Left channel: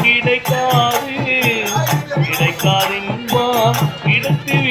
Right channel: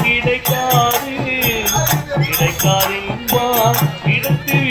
கிடைக்காது கிடைக்காது இடத்தில்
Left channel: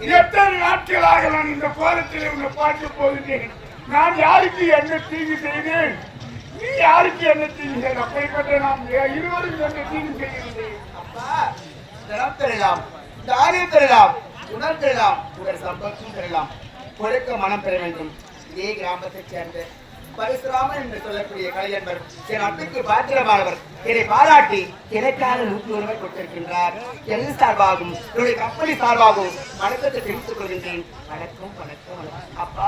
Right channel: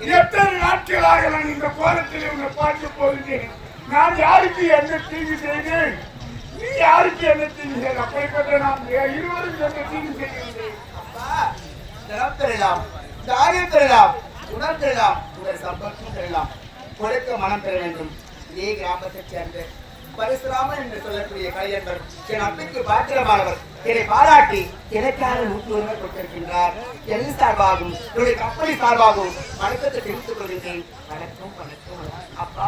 எத்தனை நாட்களாக நான் இந்த கோலத்தில் உன்னை பார்க்க போகிறேன்? நான் யாருக்கு என்ன தீங்கு செய்தேன்? நீ யாருக்கு என்ன தீங்கு செய்த? அப்படிப்பட்ட நாம் இருவரும் என்ன தீங்கு செய்கிறேன் அப்பா தரம் தாரியம் தரலாம் உணர் பெறலாம் உங்கள் சம்பளத்தும் தரலாம் கொடுக்க மனம் பெற வேண்டும். இதே கிராமத்தைச் சேர்ந்த பரசுராமன் என்று சொல்லக்கூடிய கலைஞர் என் அப்பிற்கு பாத்திரமானவர். என்னை பாராட்டி எனக்காக எனக்கான நூற்றுரிமை கொடுத்திருக்கின்றார். என் சார்பாகவும் என்னுடைய கம்பெனி சார்பாகவும் வணக்கத்தை தெரிவித்துக் கொள்கின்றேன். வணக்கம் வணக்கம். அப்பா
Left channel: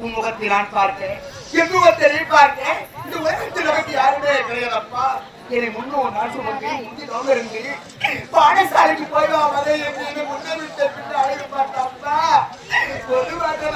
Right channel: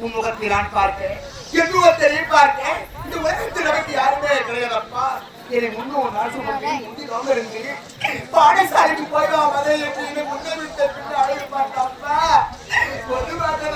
உன் முகத்தை நான் பார்க்கிறேன் என் முகத்தை நீ பார்க்க இந்த உலகத்தில் நமக்கு யாருமே கிடையாதப்பா. என்னை முன்னோர் நாள் சுமந்து முந்தி இருந்து பாடசாலைக்கு போய் வா மதை என்று முன்னே விட்ட பின்ன ஒரு மாதம்